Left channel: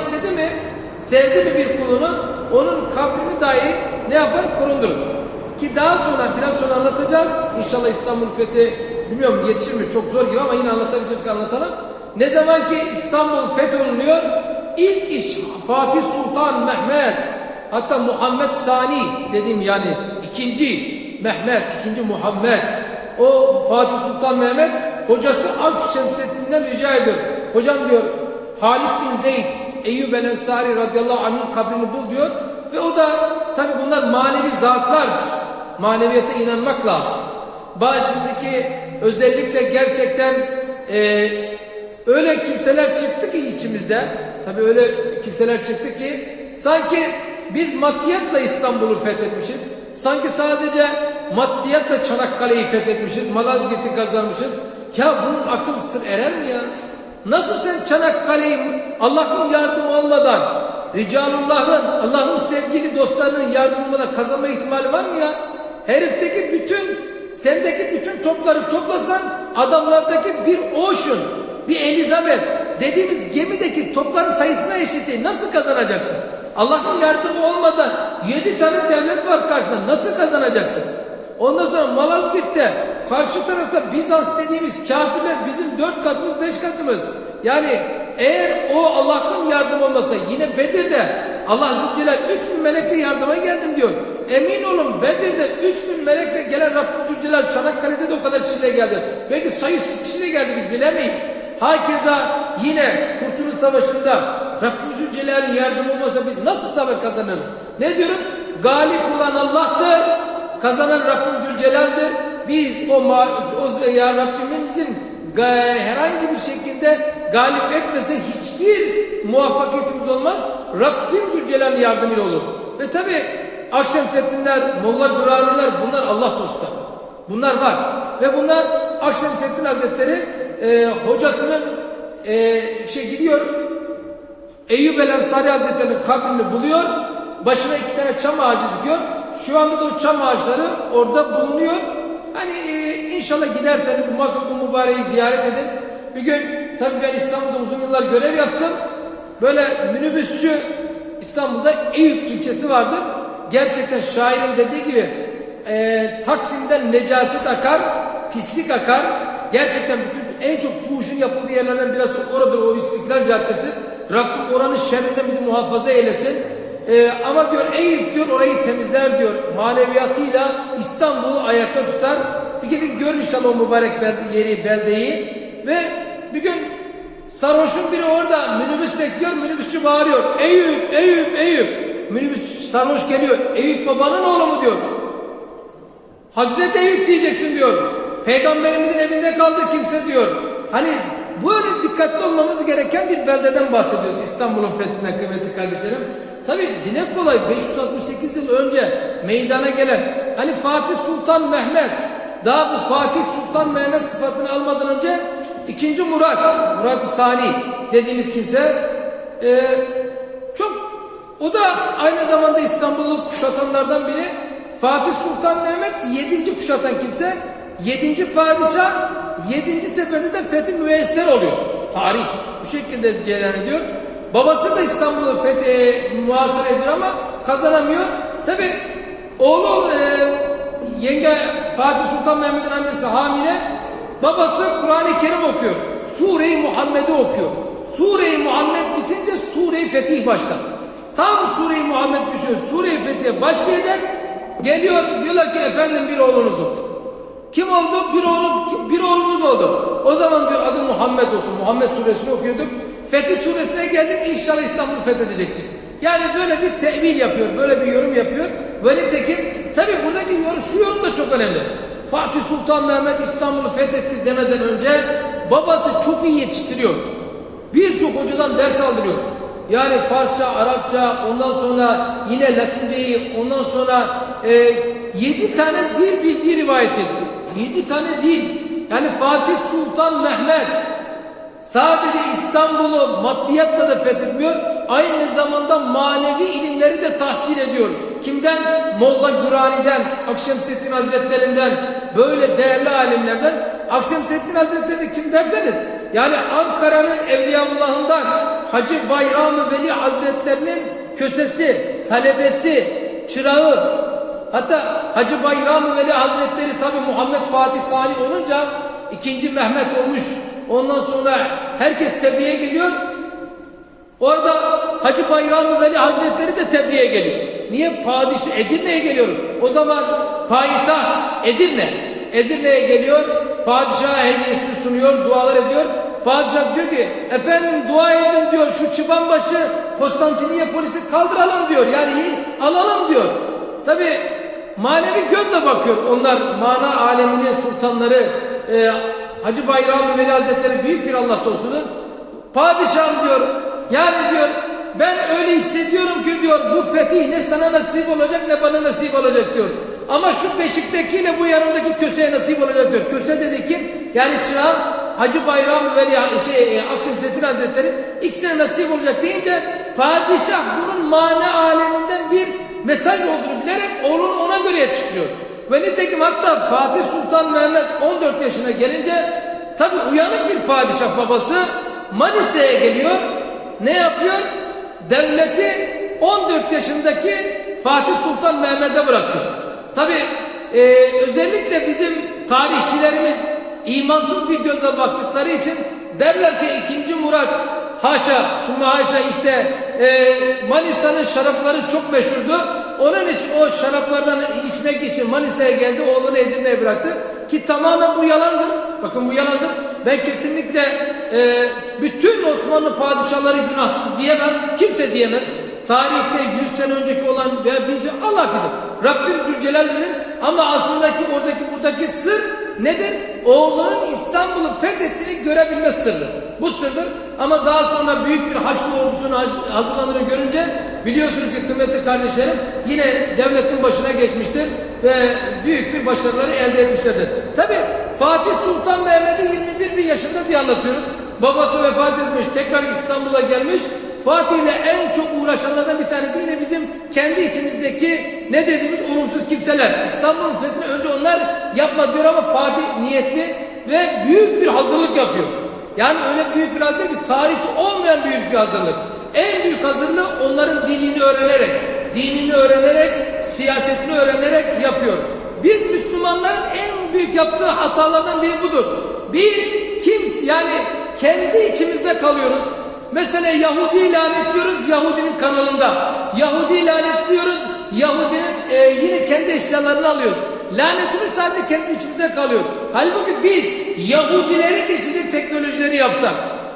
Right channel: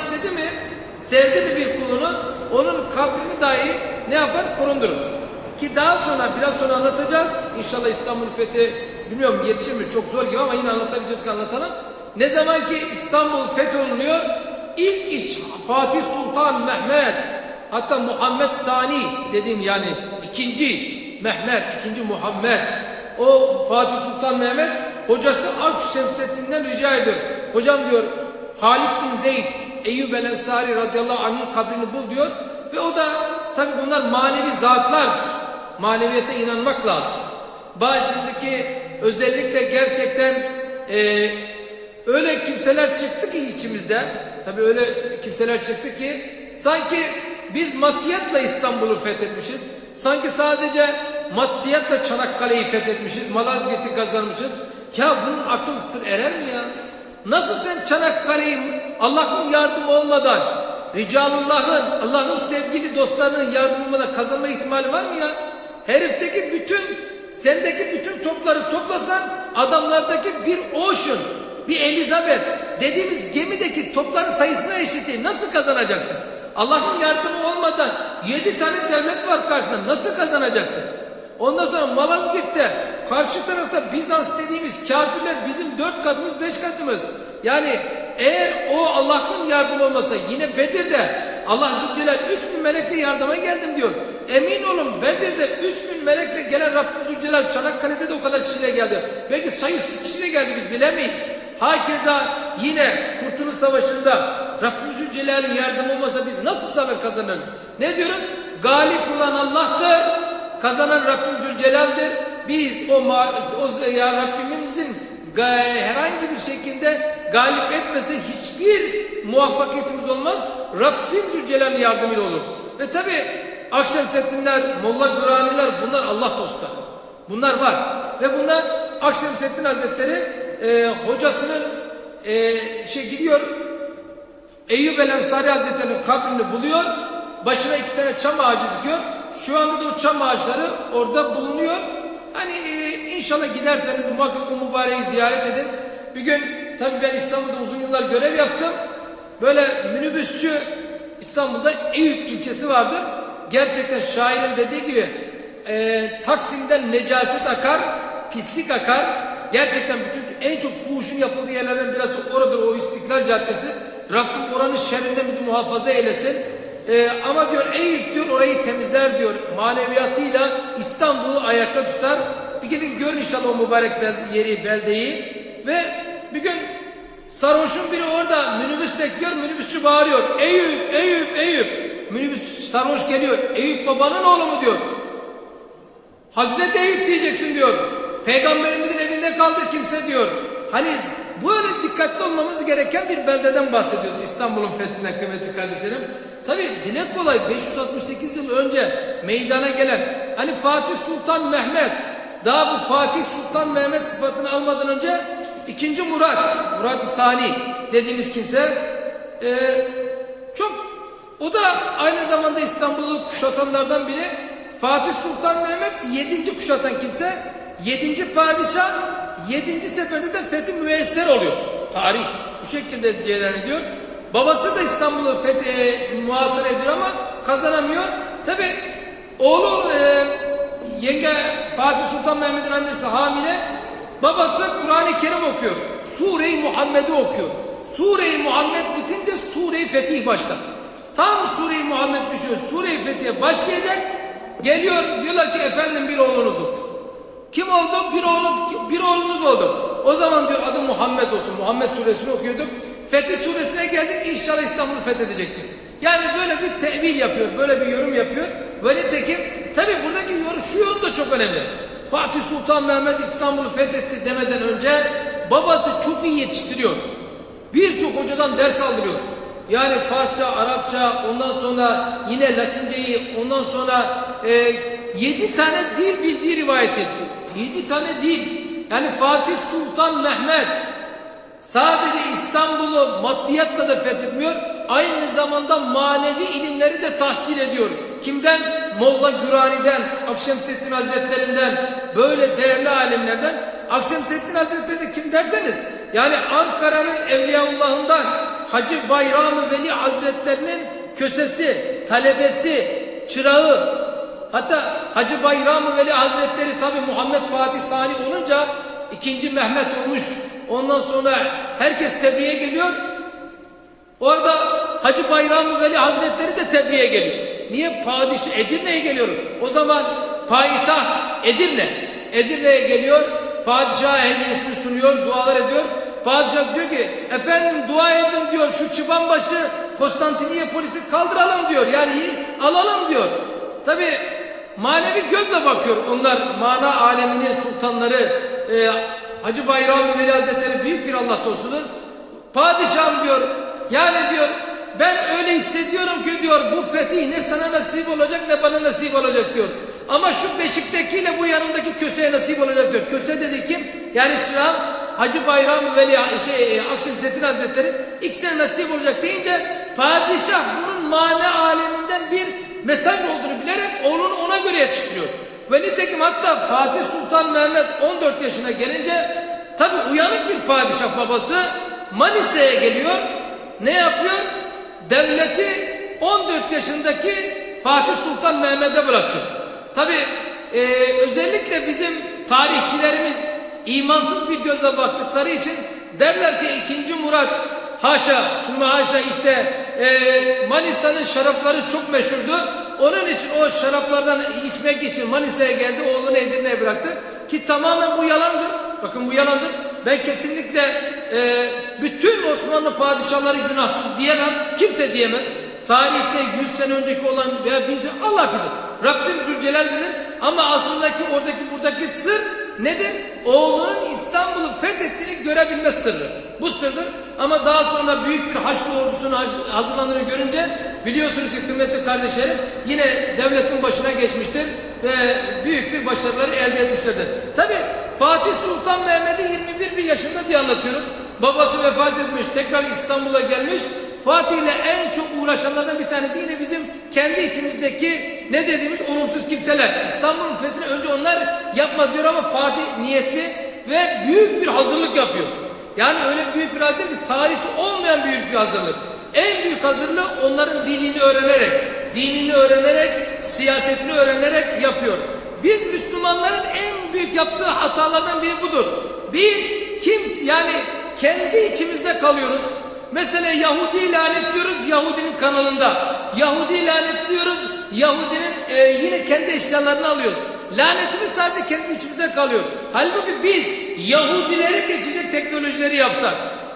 istedi mi, sevdi mi bir kulunu, onun kabrini dahi ne yapar? Korundurur. Ki daha sonra, biraz sonra anlatacağız. İnşallah İstanbul fethi, bilmiyorum yetişir mi çok zor gibi ama yine anlatabileceğiz anlatalım. Ne zaman ki İstanbul fetholunuyor, ilk iş Fatih Sultan Mehmet, hatta Muhammed Sani dediğim yani ikinci Mehmet, ikinci Muhammed, o Fatih Sultan Mehmet hocası Alp Şemsettin'den rica ediyor. Hocam diyor Halid bin Zeyd Eyyub el Ensari radıyallahu anh'ın kabrini bul diyor. Ve o da tabi bunlar manevi zatlardır. Maneviyete inanmak lazım. Başındaki özellikle gerçekten e, öyle kimseler çıktı ki içimizde. Tabi öyle kimseler çıktı ki sanki biz maddiyatla İstanbul'u fethetmişiz. Sanki sadece maddiyatla Çanakkale'yi fethetmişiz, Malazgirt'i kazanmışız. Ya bunun akıl sır erer mi ya? Nasıl sen Çanakkale'yi Allah'ın yardımı olmadan, Ricalullah'ın, Allah'ın sevgili dostlarının yardımı olmadan kazanma ihtimali var mı ya? Herifteki bütün, sendeki bütün topları toplasan adamlardaki bir Ocean, bir Elizabeth dediğimiz gemideki topların sayısına eşit Nasıl kazanacaksın? Allah'ın yardımı olmadan yedi tane devlet var karşında. Nasıl kazanacaksın? Ondan sonra Malazgirt'te karşı tarafta Bizans dediğimiz kafirler bizim dört katımız beş katımız. Yani eğer o Allah'ın yardımı olmasa yine Bedir'de Allah Zülcelal üç bin melekle yardıma geldim diyor. Emin olun Bedir'de üç bin melekle gelen Rabbim Zülcelal Çanakkale'de de o kadar kişiyle geldi. Belki sayısız kişiyle geldi biz bilemeyiz. Hakeza yine Kurtuluş Savaşı'nda Rabbim Zülcelal'in yardımı olmasa biz nasıl savaş kazanırız? Ne diyoruz? Galip olan Allah'tır. Kazanan Rabbim Zülcelal'dir. Biz o, o ya Rabbimizin herhangi bir şekilde galip etmese hiçbir muvaffakiyetimiz olmaz. Rabbim Zülcelal'in yardımıyla olur. Ve tabi Akşemseddinler, Molla Guraniler bunlar Allah dostları. Bunlar var. Ve bunlar Akşemseddin Hazretleri e, hocasının e, şey gidiyor Eyyub el Ensari Hazretleri'nin kabrini buluyor. Başına iki tane çam ağacı dikiyor. Şu anda da o çam ağaçları orada bulunuyor. Hani e, inşallah giderseniz muhakkak o mübareği ziyaret edin. Bir gün tabii ben İstanbul'da uzun yıllar görev yaptım. Böyle minibüsçü İstanbul'da Eyüp ilçesi vardır. Gerçekten şairin dediği gibi e, Taksim'den necaset akar, pislik akar. Gerçekten bütün en çok fuhuşun yapıldığı yerlerden biraz oradır o İstiklal Caddesi. Rabbim oranın şerrinden bizi muhafaza eylesin. Ee, ama diyor Eyüp diyor orayı temizler diyor. Maneviyatıyla İstanbul'u ayakta tutar. Bir gidin gör inşallah o mübarek yeri, beldeyi. Ve bir gün sarhoşun biri orada minibüs bekliyor. Minibüsçü bağırıyor. Eyüp, Eyüp, Eyüp. Minibüs sarhoş geliyor. Eyüp babanın oğlu mu diyor. Hazreti Eyüp diyeceksin diyor. Peygamberimizin evinde kaldı kimse diyor. Hani böyle dikkatli olmamız gereken bir beldeden bahsediyoruz İstanbul'un fethine kıymetli kardeşlerim. Tabi dile kolay 568 yıl önce meydana gelen hani Fatih Sultan Mehmet daha bu Fatih Sultan Mehmet sıfatını almadan önce ikinci Murat, Murat Sani dediğimiz kimse e, çok o da aynı zamanda İstanbul'u kuşatanlardan biri. Fatih Sultan Mehmet yedinci kuşatan kimse. Yedinci padişah yedinci seferde de fethi müesser oluyor. Tarih bu şekilde cereyan ediyor. Babası da İstanbul'u fethi muhasır ediyor ama kazanamıyor. Tabi oğlu e, yenge Fatih Sultan Mehmet'in annesi hamile. Babası Kur'an-ı Kerim okuyor. Sure-i Muhammed'i okuyor. Sure-i Muhammed bitince Sure-i Fetih başlar. Tam Sure-i Muhammed düşüyor. Sure-i Fetih'e başlayacak. Geliyor diyorlar ki efendim bir oğlunuz oldu. Kim oldu? Bir oğlum, bir oğlunuz oldu. O zaman diyor adı Muhammed olsun. Muhammed suresini okuyorduk. Fetih suresine geldik inşallah İstanbul'u fethedecektir. Yani böyle bir tevil yapıyor, böyle bir yorum yapıyor. Ve nitekim tabi buradaki yorum, şu yorum da çok önemli. Fatih Sultan Mehmet İstanbul'u fethetti demeden önce babası çok iyi yetiştiriyor. Birçok hocadan ders aldırıyor. Yani Farsça, Arapça, ondan sonra yine Latinceyi, ondan sonra e, yedi tane dil bildiği rivayet ediyor. Yedi tane dil. Yani Fatih Sultan Mehmet sadece İstanbul'u maddiyatla da fethetmiyor, aynı zamanda manevi ilimleri de tahsil ediyor. Kimden? Molla Gürani'den, Akşemseddin Hazretlerinden, böyle değerli alimlerden. Akşemseddin Hazretleri de kim derseniz, yani Ankara'nın Evliyaullah'ından, Hacı Bayram-ı Veli Hazretlerinin kösesi, talebesi, çırağı. Hatta Hacı Bayram-ı Veli Hazretleri tabi Muhammed Fatih Salih olunca ikinci Mehmet olmuş. Ondan sonra herkes tebliğe geliyor. Orada Hacı Bayram Veli Hazretleri de tebliğe geliyor. Niye? Padişah Edirne'ye geliyor. O zaman payitaht Edirne. Edirne'ye geliyor. Padişaha hediyesini sunuyor, dualar ediyor. Padişah diyor ki efendim dua edin diyor şu çıbanbaşı Konstantiniye polisi kaldıralım diyor. Yani iyi, alalım diyor. Tabi manevi gözle bakıyor onlar mana aleminin sultanları e, Hacı Bayram Veli Hazretleri büyük bir Allah dostudur. Padişahım diyor yani diyor ben öyle hissediyorum ki diyor bu fetih ne sana nasip olacak ne bana nasip olacak diyor. Ama şu beşiktekiyle bu yanındaki köseye nasip olacak diyor. Köse dedi kim? Yani çırağım Hacı Bayram Veli şey e, Akşemseddin Hazretleri ikisine nasip olacak deyince padişah bunun mana aleminden bir mesaj olduğunu bilerek oğlunu ona göre yetiştiriyor. Ve nitekim hatta Fatih Sultan Mehmet 14 yaşına gelince tabi uyanık bir padişah babası Manisa'ya geliyor. Ne yapıyor? Devleti 14 yaşındaki Fatih Sultan Mehmet'e bırakıyor. Tabi e, özellikle bizim tarihçilerimiz imansız bir gözle baktıkları için derler ki 2. Murat haşa, summa haşa işte e, Manisa'nın şarapları çok meşhurdu. Onun için o şaraplardan içmek için Manisa'ya geldi, oğlunu Edirne'ye bıraktı. Ki tamamen bu yalandır. Bakın bu yalandır. Ben kesinlikle e, bütün Osmanlı padişahları günahsız diyemem. Kimse diyemez. Tarihte 100 sene önceki olan veya bizi Allah bilir. Rabbim Zülcelal bilir. Ama aslındaki oradaki buradaki sır nedir? Oğlunun İstanbul'u fethettiğini görebilme sırrı. Bu sırdır. Ama daha sonra büyük bir Haçlı ordusunun hazırlandığını görünce biliyorsunuz ki kıymetli kardeşlerim yine devletin başına geçmiştir ve büyük bir başarıları elde etmişlerdir. Tabi Fatih Sultan Mehmet'i 21 bir yaşında diye anlatıyoruz. Babası vefat etmiş, tekrar İstanbul'a gelmiş. Fatih ile en çok uğraşanlardan bir tanesi yine bizim kendi içimizdeki ne dediğimiz olumsuz kimseler. İstanbul'un fethine önce onlar yapma diyor ama Fatih niyetli ve büyük bir hazırlık yapıyor. Yani öyle büyük bir hazırlık ki tarihte olmayan büyük bir hazırlık. En büyük hazırlığı onların dinini öğrenerek, dinini öğrenerek, siyasetini öğrenerek yapıyor. Biz Müslümanların en büyük yaptığı hatalardan biri budur. Biz kimse yani kendi içimizde kalıyoruz. Mesela Yahudi lanetliyoruz Yahudinin kanalında. Yahudi lanetliyoruz Yahudinin e, yine kendi eşyalarını alıyoruz. Lanetimiz sadece kendi içimizde kalıyor. Halbuki biz Yahudileri geçecek teknolojileri yapsak,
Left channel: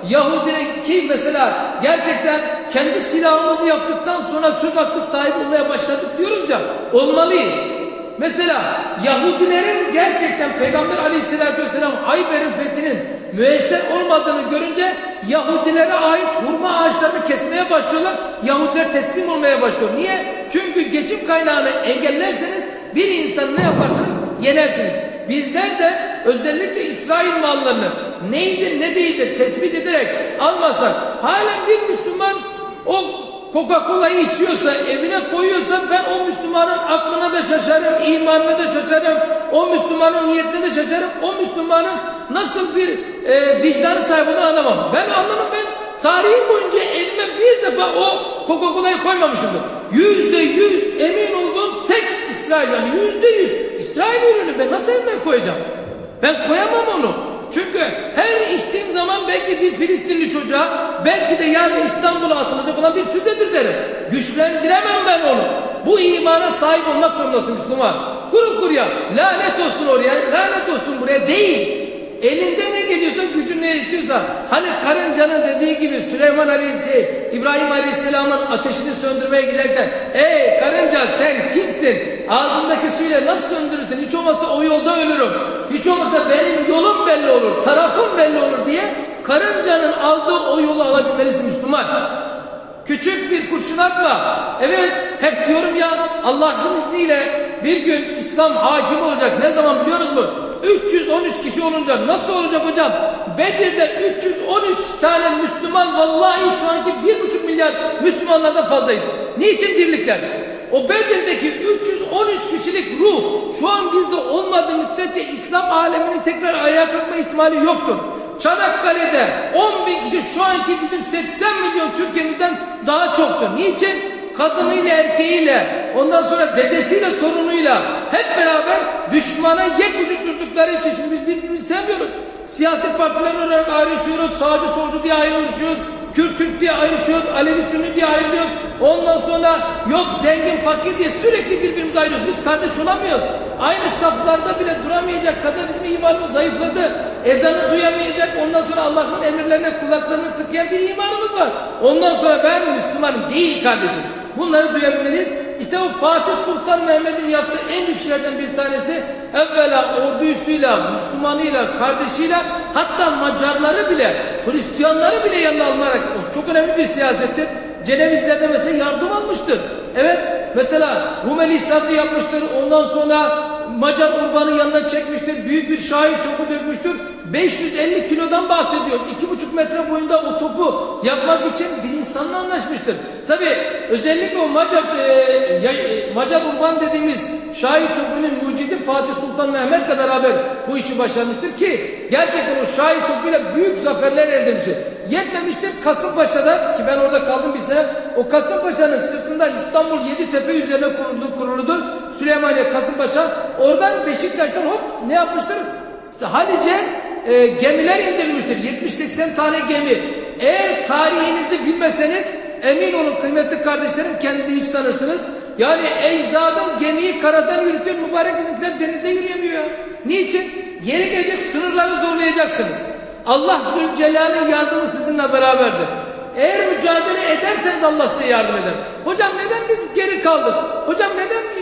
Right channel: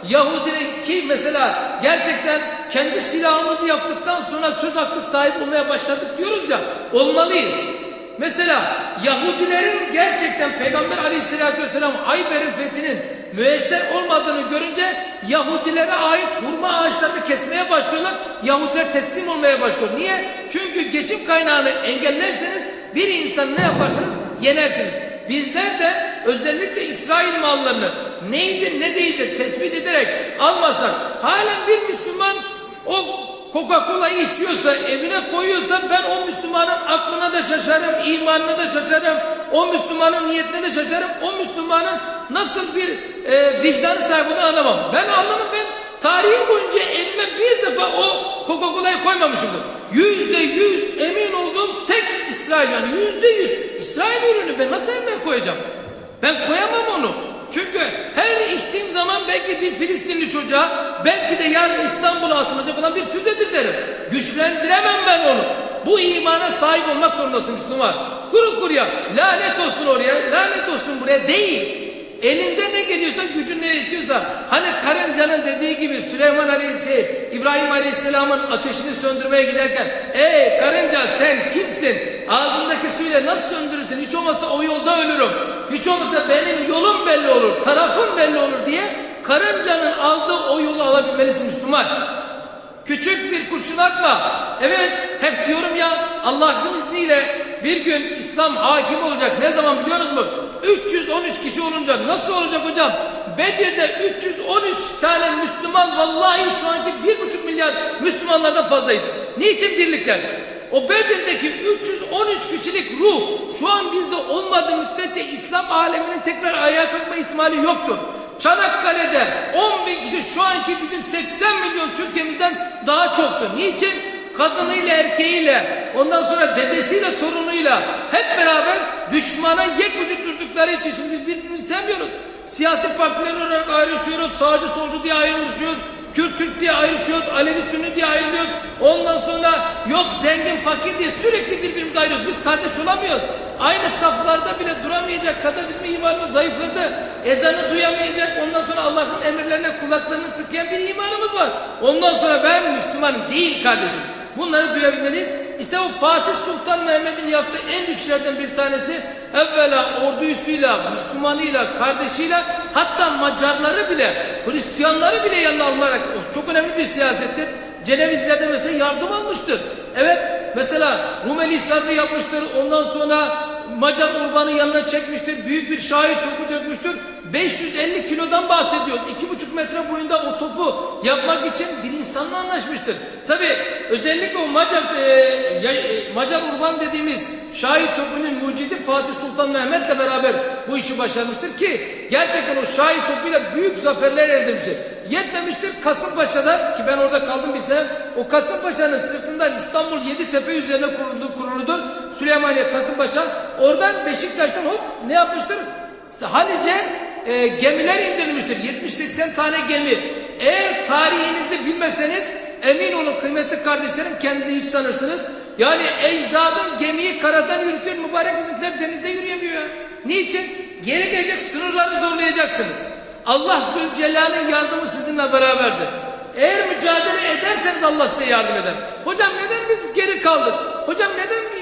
Yahudi ki mesela gerçekten kendi silahımızı yaptıktan sonra söz hakkı sahibi olmaya başladık diyoruz ya, olmalıyız. Mesela Yahudilerin gerçekten Peygamber aleyhissalatü vesselam Hayber'in fethinin müesser olmadığını görünce Yahudilere ait hurma ağaçlarını kesmeye başlıyorlar. Yahudiler teslim olmaya başlıyor. Niye? Çünkü geçim kaynağını engellerseniz bir insan ne yaparsınız? Yenersiniz. Bizler de özellikle İsrail mallarını neydi ne değildir tespit ederek almasak halen bir Müslüman o Coca-Cola'yı içiyorsa, evine koyuyorsa ben o Müslümanın aklına da şaşarım, imanına da şaşarım, o Müslümanın niyetine de şaşarım, o Müslümanın nasıl bir e, vicdanı sahibi anlamam. Ben anlamam ben tarihim boyunca elime bir defa o Coca-Cola'yı koymamışımdır. Yüzde yüz emin olduğum tek İsrail yani yüzde yüz İsrail ürünü ben nasıl elime koyacağım? Ben koyamam onu. Çünkü her içtiğim zaman belki bir Filistinli çocuğa belki de yarın İstanbul'a atılacak olan bir füzedir derim. Güçlendiremem ben onu. Bu imana sahip olmak zorundasın Müslüman. Kuru kuruya lanet olsun oraya, lanet olsun buraya değil. Elinde ne geliyorsa gücün ne yetiyorsa hani karıncanın dediği gibi Süleyman Aleyhisselam, İbrahim Aleyhisselam'ın ateşini söndürmeye giderken ey karınca sen kimsin? Ağzındaki suyla nasıl söndürürsün? Hiç olmazsa o yolda ölürüm. Hiç olmazsa benim yolum belli olur, tarafım belli olur diye karıncanın aldığı o yolu alabilmelisin Müslüman. Küçük bir kurşun atma. Evet hep diyorum ya Allah'ın izniyle bir gün İslam hakim olacak. Ne zaman biliyoruz mu? 313 kişi olunca nasıl olacak hocam? Bedir'de 313 tane Müslüman vallahi şu anki 1,5 milyar Müslümanlardan fazlaydı. Niçin birlikler? O Bedir'deki 313 kişilik ruh şu an bizde olmadığı müddetçe İslam aleminin tekrar ayağa kalkma ihtimali yoktur. Çanakkale'de 10 bin kişi şu anki bizim 80 milyon Türkiye'mizden daha çoktu. Niçin? Kadınıyla erkeğiyle ondan sonra dedesiyle torunuyla hep beraber düşmana yek vücut durdukları için şimdi biz birbirimizi sevmiyoruz. Siyasi partiler olarak ayrışıyoruz. Sağcı solcu diye ayrılıyoruz. Kürt Türk diye ayrışıyoruz. Alevi Sünni diye ayrılıyoruz. Ondan sonra yok zengin fakir diye sürekli birbirimize ayırıyoruz. Biz kardeş olamıyoruz. Aynı saflarda bile duramayacak kadar bizim imanımız zayıfladı. Ezanı duyamayacak. Ondan sonra Allah'ın emirlerine kulaklarını tıkayan bir imanımız var. Ondan sonra ben Müslümanım değil kardeşim. Bunları duyabilmeliyiz. İşte o Fatih Sultan Mehmet'in yaptığı en büyük şeylerden bir tanesi evvela ordusuyla, Müslümanıyla, kardeşiyle hatta Macarları bile, Hristiyanları bile yanına alınarak çok önemli bir siyasettir. Cenevizler'de mesela yardım almıştır. Evet mesela Rumeli Hisarlı yapmıştır. Ondan sonra Macar Urban'ı yanına çekmiştir. Büyük bir şahit topu dökmüştür. 550 kilodan bahsediyor. 2,5 metre boyunda o topu yapmak için bir insanla anlaşmıştır. Tabi özellikle o Macar, e, e, Macar Urban dediğimiz şahit topunun mucidi Fatih Sultan Mehmet'le beraber bu işi başarmıştır ki gerçekten o şahit topuyla büyük zaferler elde etmiştir. Yetmemiştir Kasımpaşa'da ki ben orada kaldım bir sene. O Kasımpaşa'nın sırtından İstanbul Yeditepe üzerine kuruldu, kuruludur. Süleymaniye Kasımpaşa. Oradan Beşiktaş'tan hop ne yapmıştır? Halice e, gemiler indirilmiştir. 70-80 tane gemi. Eğer tarihinizi bilmeseniz emin olun kıymetli kardeşlerim kendinizi hiç sanırsınız. Yani ecdadın gemiyi karadan yürütür mübarek bizimkiler denizde yürüyemiyor. Niçin? Geri gelecek sınırları zorlayacaksınız. Allah Zülcelal'in yardımı sizinle beraberdir. Eğer mücadele ederseniz Allah size yardım eder. Hocam neden biz geri kaldık? Hocam neden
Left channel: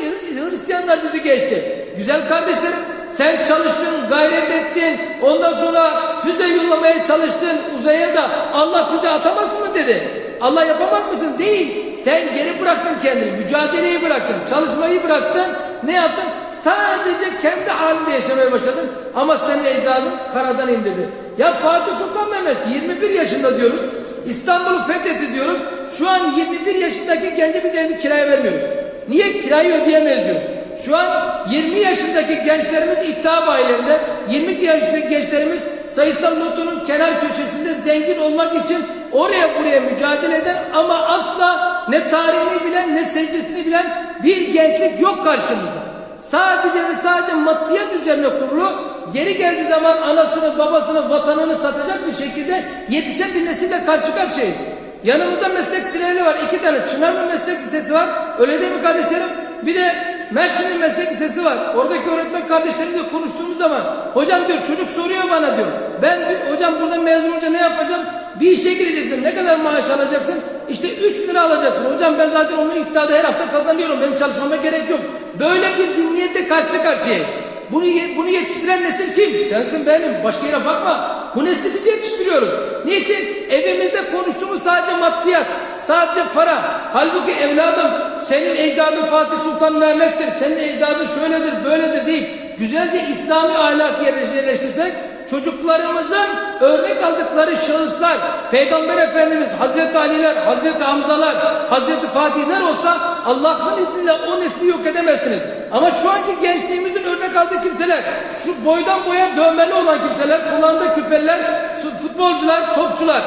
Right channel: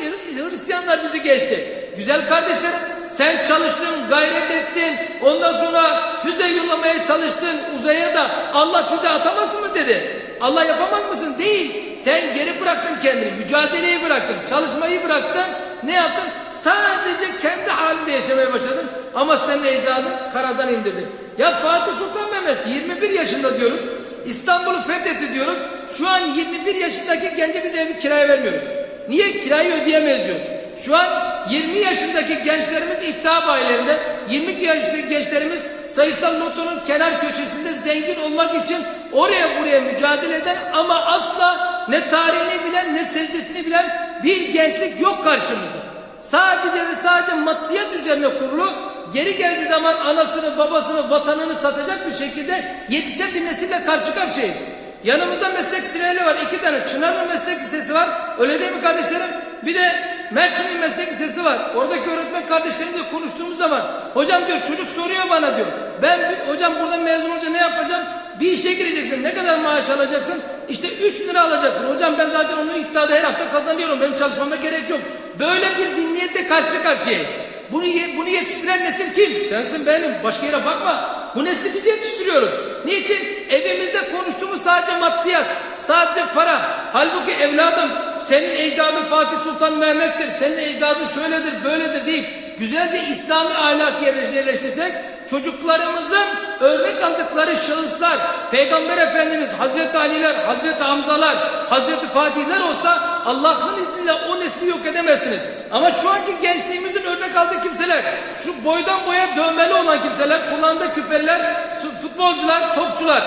Hristiyanlar bizi geçti? Güzel kardeşlerim sen çalıştın, gayret ettin. Ondan sonra füze yollamaya çalıştın uzaya da Allah füze atamaz mı dedi. Allah yapamaz mısın? Değil. Sen geri bıraktın kendini. Mücadeleyi bıraktın. Çalışmayı bıraktın. Ne yaptın? Sadece kendi halinde yaşamaya başladın. Ama senin ecdadın karadan indirdi. Ya Fatih Sultan Mehmet 21 yaşında diyoruz. İstanbul'u fethetti diyoruz. Şu an 21 yaşındaki gence biz evi kiraya vermiyoruz. Niye? Kirayı ödeyemeyiz diyoruz. Şu an 20 yaşındaki gençlerimiz iddia bayilerinde, 20 yaşındaki gençlerimiz sayısal lotonun kenar köşesinde zengin olmak için oraya buraya mücadele eden ama asla ne tarihini bilen ne secdesini bilen bir gençlik yok karşımızda. Sadece ve sadece maddiyat üzerine kurulu geri geldiği zaman anasını, babasını, vatanını satacak bir şekilde yetişen bir nesille karşı karşıyayız. Yanımızda meslek liseleri var. iki tane. Çınarlı meslek lisesi var. Öyle değil mi kardeşlerim? Bir de Mersin'in meslek lisesi var. Oradaki öğretmen kardeşlerimle konuştuğumuz zaman hocam diyor çocuk soruyor bana diyor. Ben hocam buradan mezun olunca ne yapacağım? Bir işe gireceksin. Ne kadar maaş alacaksın? İşte 3 lira alacaksın. Hocam ben zaten onu iddiada her hafta kazanıyorum. Benim çalışmama gerek yok. Böyle bir zihniyette karşı karşıyayız. Bunu, bunu yetiştiren nesil kim? Sensin benim. Başka yere bakma. Bu nesli biz yetiştiriyoruz. Niçin? Evimizde konuştuğumuz sadece maddiyat, sadece para. Halbuki evladım senin ecdadın Fatih Sultan Mehmet'tir. Senin ecdadın şöyledir, böyledir değil. Güzelce İslami ahlak yerleştirsek çocuklarımızın örnek aldıkları şahıslar, Peygamber Efendimiz, Hazreti Ali'ler, Hazreti Hamzalar, Hazreti Fatihler olsa Allah'ın izniyle o nesli yok edemezsiniz. Ama şu anki gençliğimizin örnek aldığı kimseler, şu boydan boya dövmeli olan kimseler, kulağında küpeler, futbolcular, topçular,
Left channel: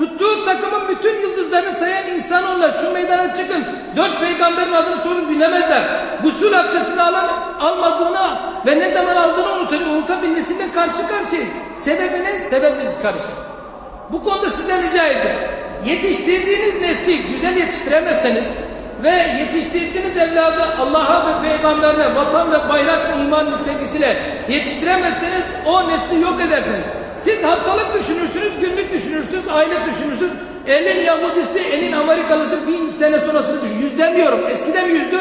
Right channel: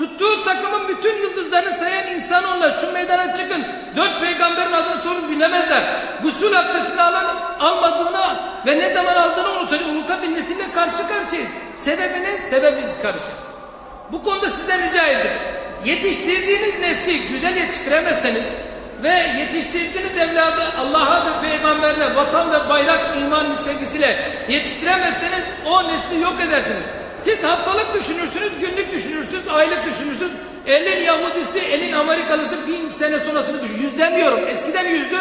Tuttuğu takımın bütün yıldızlarını sayan insan onlar. Şu meydana çıkın. Dört peygamberin adını sorun bilemezler. Gusül abdestini alan almadığını ve ne zaman aldığını unutacak. Unutabilmesiyle karşı karşıyayız. Sebebi ne? Sebep biziz karışık. Bu konuda sizden rica ediyorum. Yetiştirdiğiniz nesli güzel yetiştiremezseniz ve yetiştirdiğiniz evladı Allah'a ve peygamberine, vatan ve bayrak iman sevgisiyle yetiştiremezseniz o nesli yok edersiniz. Siz haftalık düşünürsünüz, günlük düşünürsünüz, aylık düşünürsünüz. Elin Yahudisi, elin Amerikalısı bin sene sonrasını düşün. Yüz demiyorum, eskiden yüzdü.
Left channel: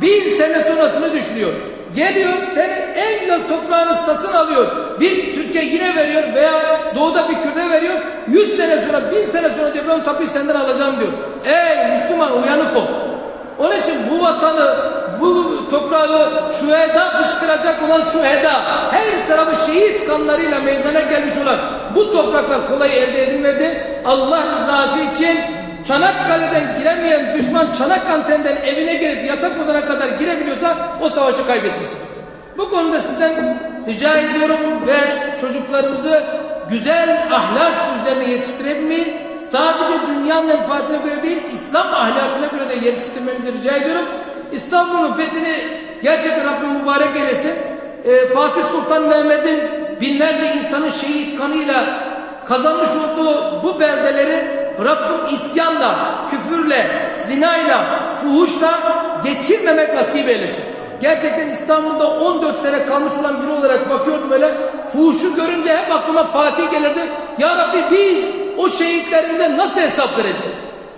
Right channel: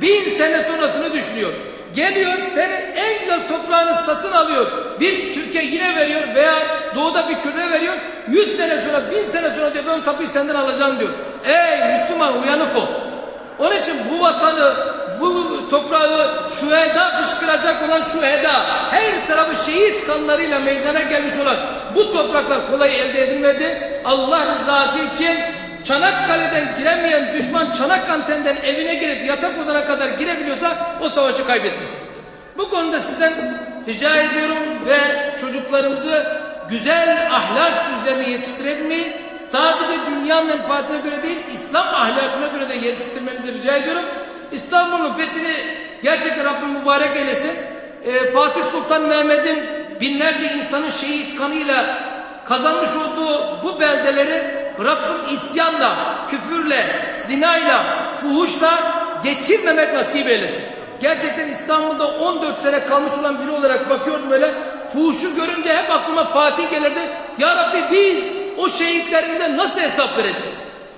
Bin sene sonrasını düşünüyor. Geliyor, senin en güzel toprağını satın alıyor. Bir Türkiye yine veriyor veya doğuda bir Kürt'e veriyor. Yüz sene sonra, bin sene sonra diyor ben tapuyu senden alacağım diyor. Ey Müslüman uyanık ol. Onun için bu vatanı, bu toprağı şüheda fışkıracak olan şüheda, her tarafı şehit kanlarıyla meydana gelmiş olan bu topraklar kolay elde edilmedi. Allah rızası için Çanakkale'den giremeyen düşman Çanakkale'den evine girip yatak odana kadar girebiliyorsa o savaşı kaybetmişsiniz. Bu konuda sizden rica ediyorum ve çocuklarımızı güzel ahlak üzerine yetiştirebilmeyi sadece dünya menfaatine göre değil İslam ahlakına göre de yetiştirmenizi rica ediyorum. İstanbul'un fethini gerçekten Rabbim mübarek eylesin. Ee, Fatih Sultan Mehmet'in binlerce insanın şehit kanıyla kazanmış olduğu bu beldeleri Rabbim isyanla, küfürle, zinayla, fuhuşla geçirmemek nasip eylesin. Gerçekten İstanbul'da 14 sene kalmış olan biri olarak bakıyordum böyle. Fuhuşu görünce hep aklıma Fatih gelirdi. Ya Rabbi biz o şehitlerimize nasıl hesap vereceğiz?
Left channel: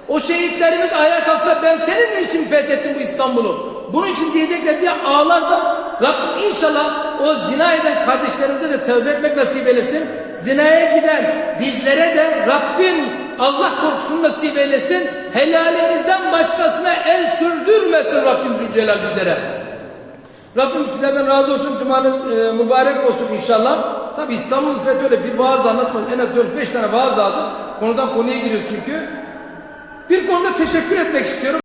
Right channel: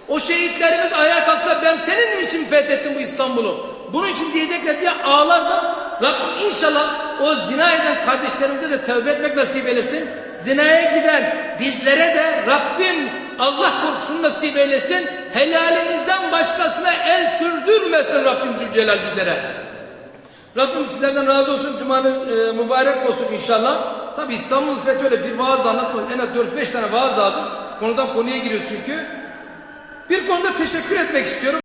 O şehitlerimiz ayağa kalksa ben senin için fethettim bu İstanbul'u. Bunun için diyecekler diye ağlardım. Rabbim inşallah o zina eden kardeşlerimize de tövbe etmek nasip eylesin. Zinaya giden bizlere de Rabbim Allah korkusunu nasip eylesin. Helalimizden başkasına el sürdürmesin Rabbim Zülcelal bizlere. Rabbim sizlerden razı olsun. Cumanız e, mübarek olsun inşallah. Tabi İstanbul Fethi öyle bir vaazla anlatmaz. En az 4-5 tane vaaz lazım. Konudan konuya giriyoruz çünkü. Bir konuda teşekkür etmek istiyorum.